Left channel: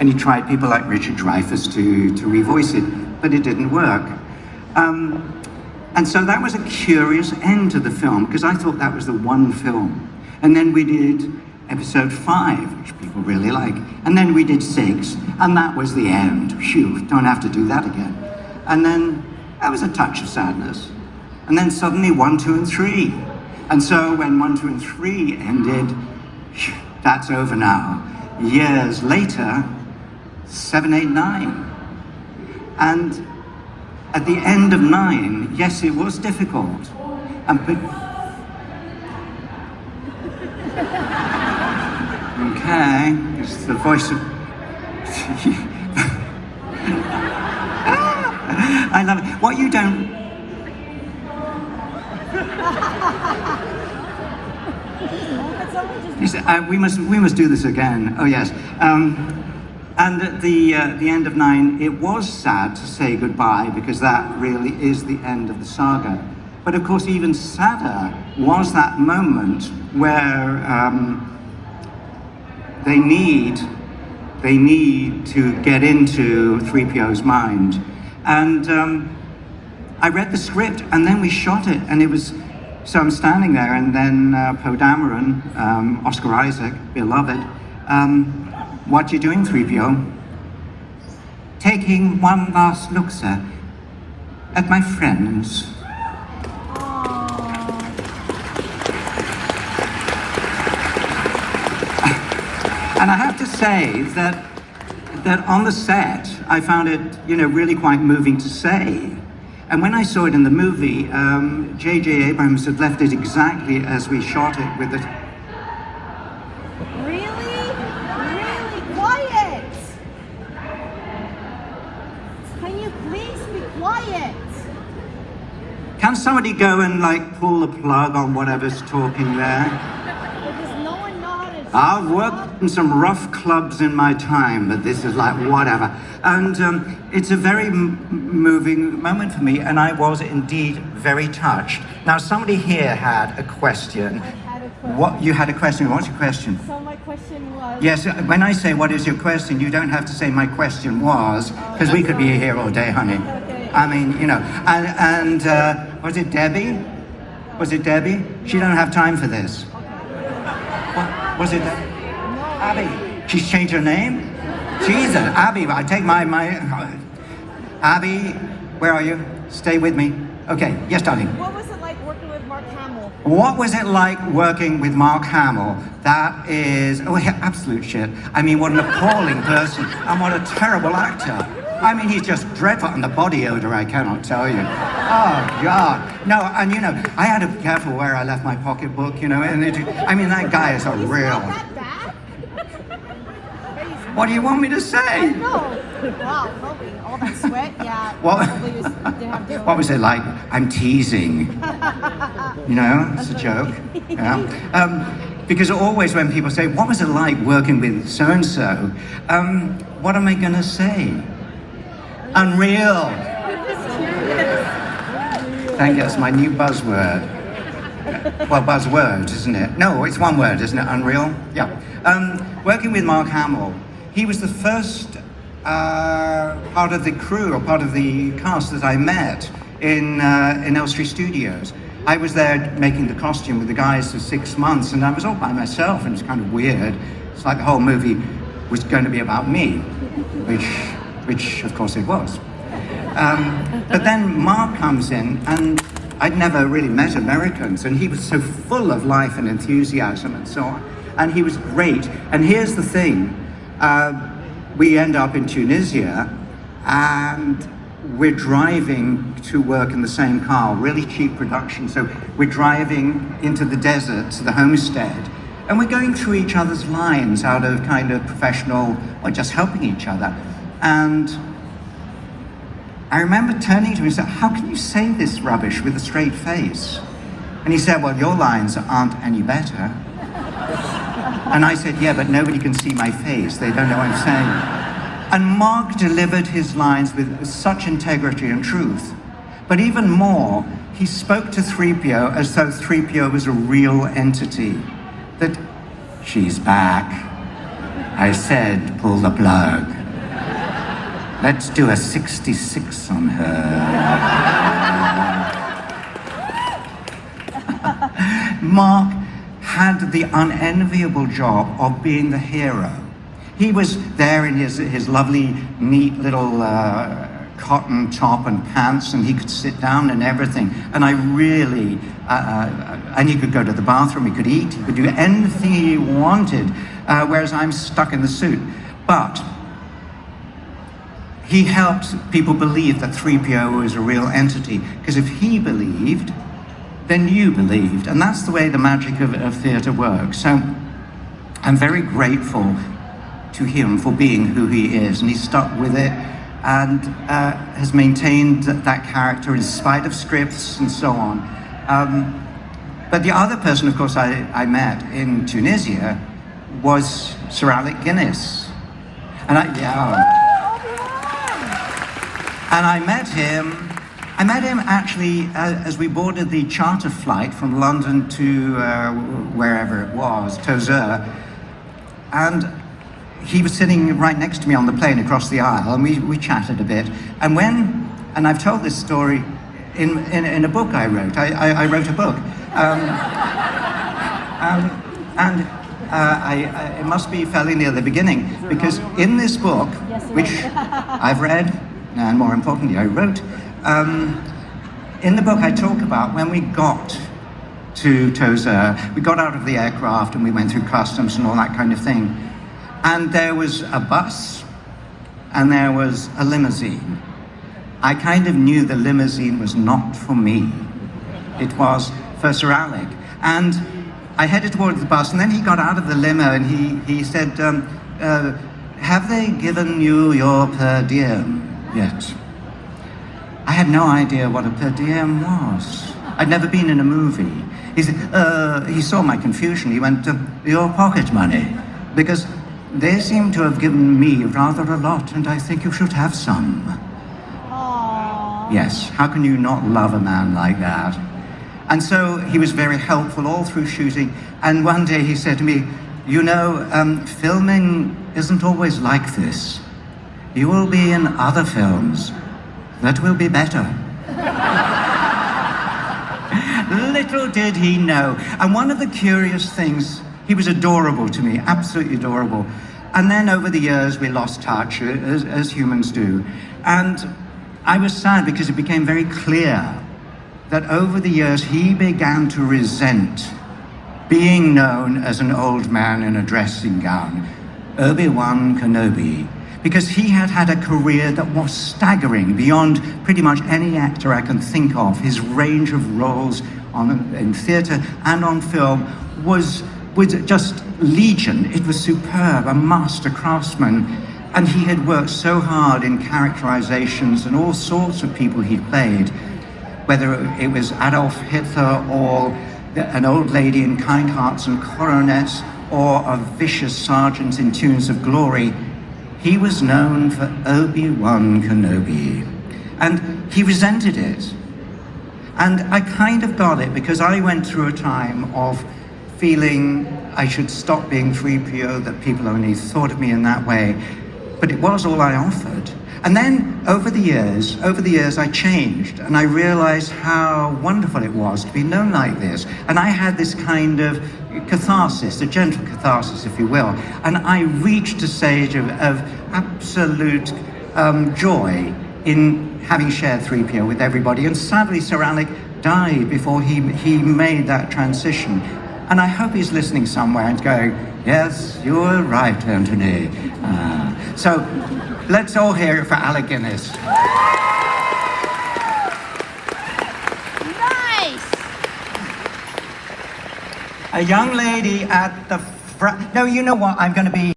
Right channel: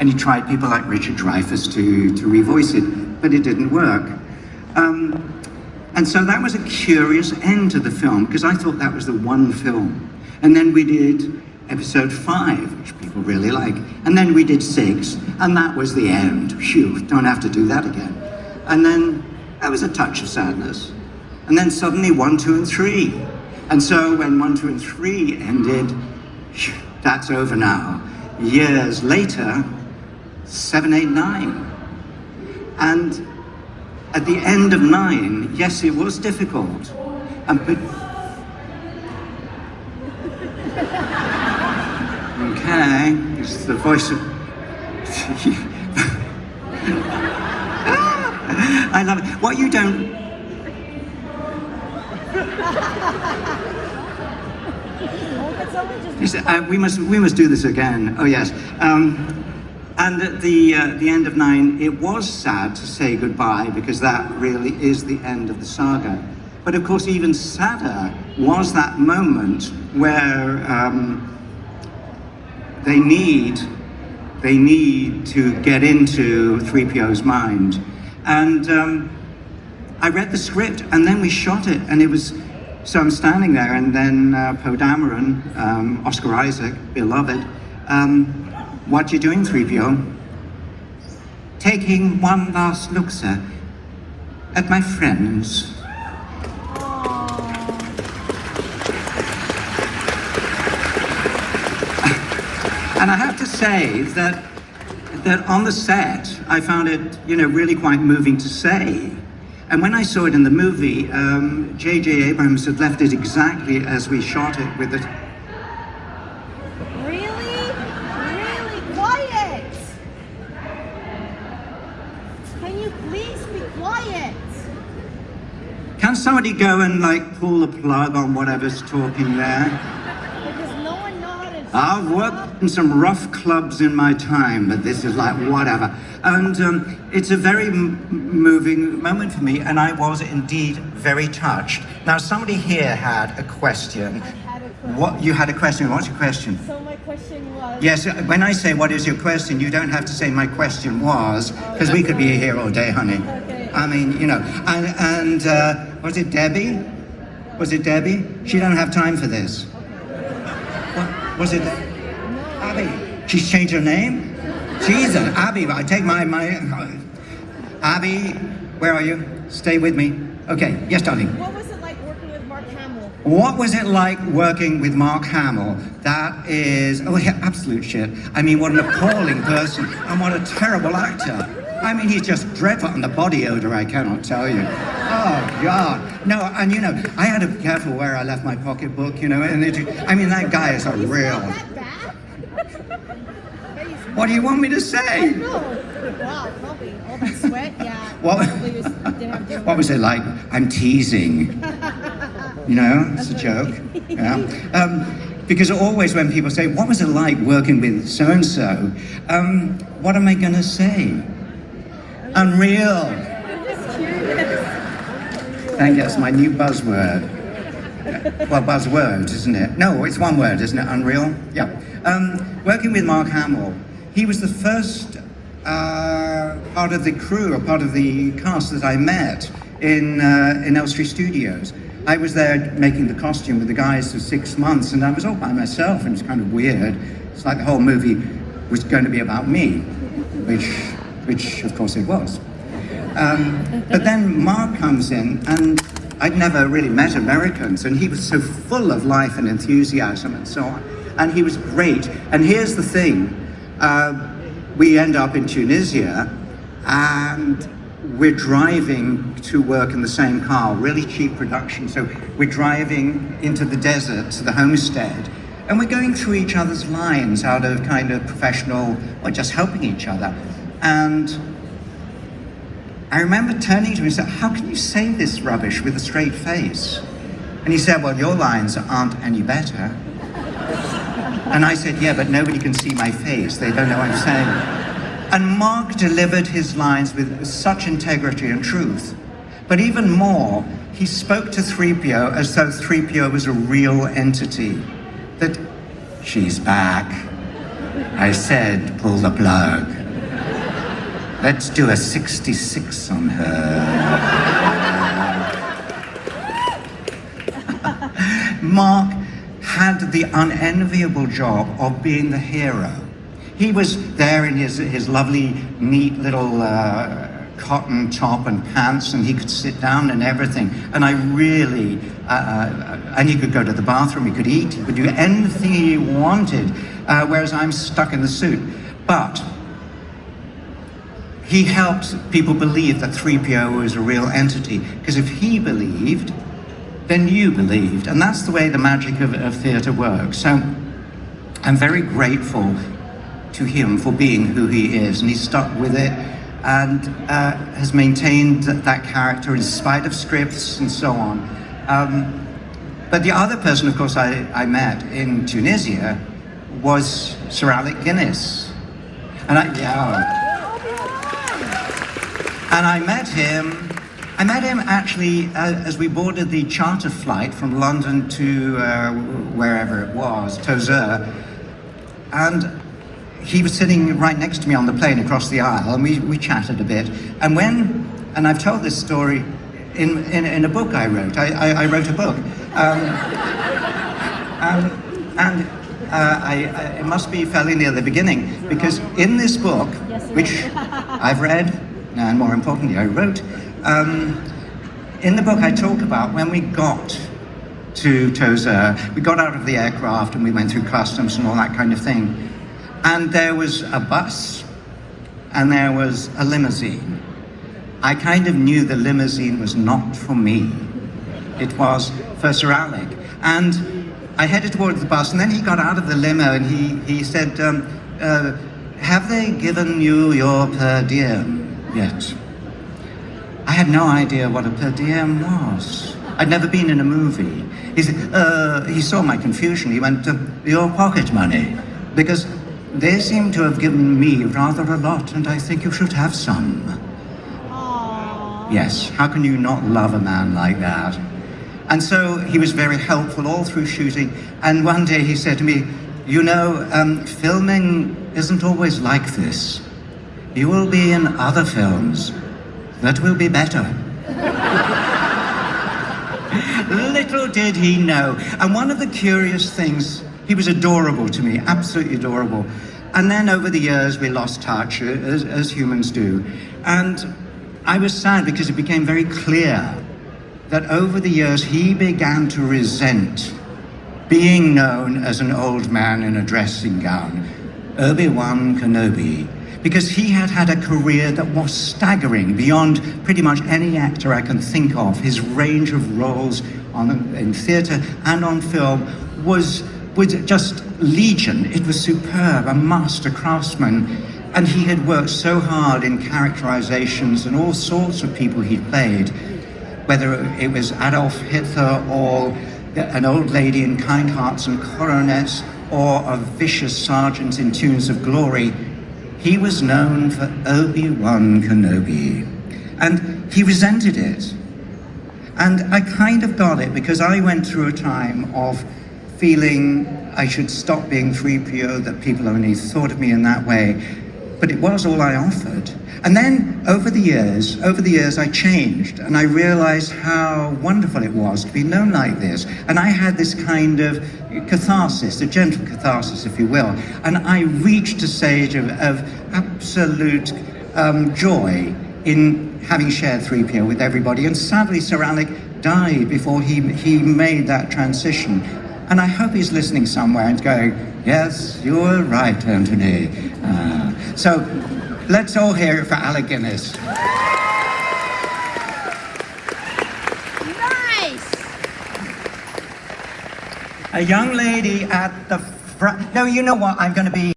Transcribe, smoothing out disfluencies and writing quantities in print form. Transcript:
And he tried people like Richard Dreyfuss to revoice it, but it didn't work. And so that was a curious end to the film, because I thought that was the one film. And then we did episode 5, which people really like. And then we did 6, and that was the end. Phew, don't have to do that again. And then that was a touch of sadness. And then suddenly 1, 2, and 3. And so when 1, 2, and 3 ended, that's over now. Years later, 7, 8, 9. And at the end of 9, yes, it was difficult. Okay, it's the voice of... I love it. What you don't... You said, we must do this again. Oh yes. And at the end of 9, it was sad to say goodbye, because that really is the end of the saga. But of course, even sadder was that moment where they need to get into 3PO's mind. And I read the script, and then we shot it, and it was, so I'm standing there, and then Poe Dameron, Oscar Isaac, beloved, what you doing, 3PO? Taking one last look, sir, at my friends. And I have to say that on the set, I found it, really quite moving to say. And when I saw it in the movie, J.J. Abrams had left it exactly as we shot it with it. Really? Really quiet! Can you please be quiet? Can somebody go and pull the plug on whatever's talking there? Because no one knows how to... I've worked in some rough clubs in my time, but this is like whatever. And it's a very moving moment for me, and I was indeed very touched. Now, somebody here had a question. I had a question. What, you had a question? What's your question? So my question was... Yes, when I say what is your question, you don't have to say my question was, because we could be here all day, honey. Okay. I mean, and was it Debbie? Was it Debbie? She don't have time for this. What, was it Abby? She's changed her name? Jesus, Abby, I take my... Abby, where are you? Stay with me. Okay, yes, darling. What was it like working with Mark Hamill? What was it like working with Mark Hamill? That is... Oh, yeah, absolute shit. I mean, what an appalling person, and what a terrible actor. I mean, he's just dreadful, and the body odor, I cannot tell you. Oh, God. No, and I had to be careful where I left my pocketbook, and I mean, that guy is a real... What do you want me to say? No. Wow, probably. All that sweat, yeah. What was it like? I'm teasing. No, it's a joke. Yeah. Because always when people say, what was it like working with so-and-so? What am I going to say? Unreal. Thank you, that's my new buzzword. Well, buzzword, isn't it? No, it's one word, isn't it? Unreal? Yeah. Working with Mark Hamill, he was the first part of the crew, or part of the cast that I met in Elstree Studios. I was there making the costume with the guys for 6 months, and I was all by myself, and it was kind of weird. It's like the whole movie was going to be about me, which of course it was. But then Mark comes in, and I'd never really met Americans, and he was so full of life and enthusiasm and so on. And he was great. And here's the thing, we end up in Tunisia, and we're driving to work in the same car, really cheap production. So we're driving into the desert to the homestead, and we're going through each other's lines out of kind of professional, or just helping each other. And I remember turning to him and saying, how can you say this rubbish with a straight face? And he said, well, your lines aren't any better. And I said, yeah, but nobody can see my face. They don't know what I'm saying. And Mark delivered his lines with such integrity and truth. But even more, he spoke to 3PO as though 3PO was a real entity. That she's back. I said, pull the plug. Let's do a 66 on her. Mark had the unenviable job of being the hero. He was there in his lovely, neat little cotton top and pants, and he could sit down and everything. And I really, and he could go to the bathroom, he could eat, he could do anything he wanted, whereas I'm stuck in the suit. But he helped people believe that 3PO was a real entity, because if he believed, then you believed. And that's the way the magic of theatre works. So I'm very grateful to him for being who he is, and he stuck with it and has maintained that character in spite of scripts and so on. But the other person, of course, I met in Tunisia was Sir Alec Guinness. And I met him actually as we boarded the charter flight from London to wherever it was, Tozeur. And he was sitting right next to me on the plane across the aisle, and we chatted a bit. And I've told this story in a book I wrote. I wrote a book. It must be fairly near the beginning, because in this book, which I've read, and more importantly, I wrote, in the book I talk about when we got to Tozeur, we got out of the aircraft and we went through customs and all that kind of thing. And there was a bus and there was a limousine. I kind of knew the limousine was not for me. It was for Sir Alec. And I headed towards the bus, and then he got out of the limo and he said, have they given you your per diem yet? I had no idea what a per diem was. I'd never been in a movie. He said, he saw my confusion. He went, your pocket money, because they seem to have given me rather a lot, and I think you should have some. Aww. Yes, how can you not love a man like that? And so he was very helpful all through shooting, and one day he said to me, you know, filming isn't always like this. You will be in other films that will be better. Little did he know. And one of the curious things, he was adorable to me, absolutely adorable. And then over the years, we lost touch, as humans do. And I was sad because it became very clear that over the years, he began to resent being known as an old man in a dressing gown, Obi-Wan Kenobi, because he had had a career that was staggering beyond pretty much any actor I can think of. His range of roles in theatre and on film was just legion. It was superb, a master craftsman. And he had worked so hard in characterizations and all sorts of people he'd played, whether it was Adolf Hitler or an old lady in Kind Hearts and Coronets or a vicious sergeant in Tunes of Glory. He was known for Obi-Wan Kenobi, and he resented it. And I kind of got it, because I went through a time of feeling I should stop being 3PO, that people only thought of me in that way, but it was all I offered. And then over the years, I changed, and I realized how wonderful it was to be known like this. And I had this kind of catharsis, a gentle catharsis, if you will. And I reached a stage of absolute joy in having shared 3PO with everybody. And sadly, Sir Alec died before he made that transition. And I hope he's listening somewhere and going, yes, you were right, Anthony. So let's all hear it for Alec Guinness. Nice. A young lady at the front. No, you know what? I'm going to be